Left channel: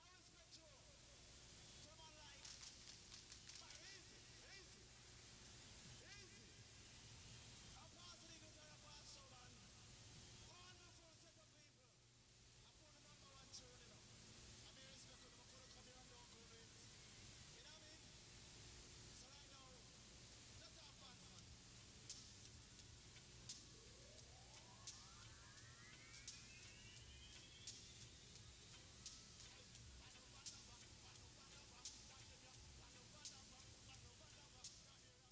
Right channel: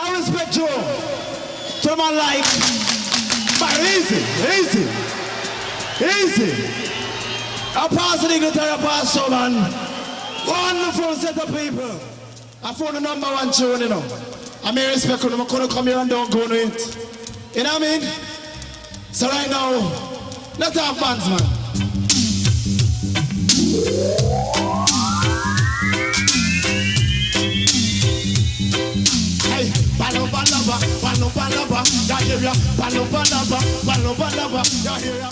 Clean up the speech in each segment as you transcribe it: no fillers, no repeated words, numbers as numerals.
Now respect you. To the man like, but easy. I pass the eagle to your pass, so man. Wonderful set of people. I found the number one tune, you know. I may respect you, I couldn't come here and don't go to it. You know what I mean? So right now, let's have fans, man. Hey, balaba, ya hear ya. Balaba, ya hear ya.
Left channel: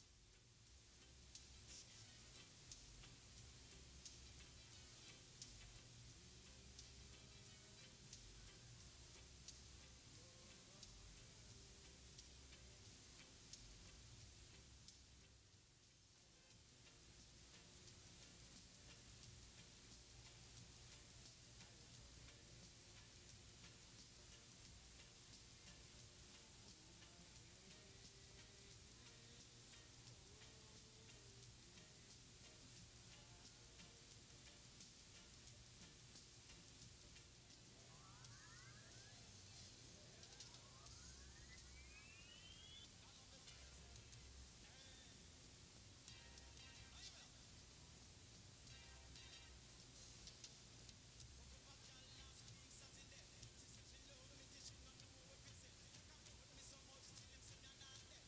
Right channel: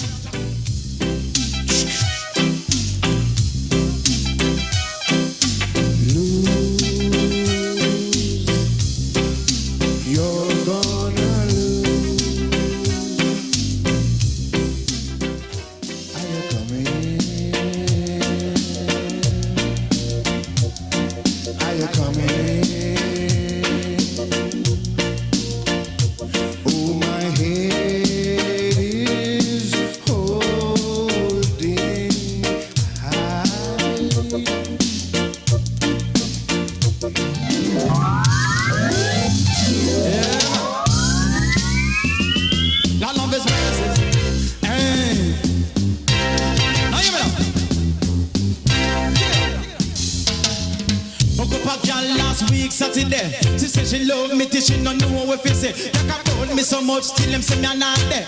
Saturday, she say she love me till she no know what she say. Like I told me so much till them say me not there.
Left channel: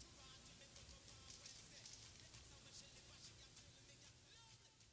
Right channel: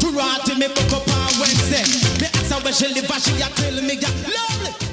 To rot to me fuck up on Wednesday. Me ask her where she live and she a tell me, yeah, lovely.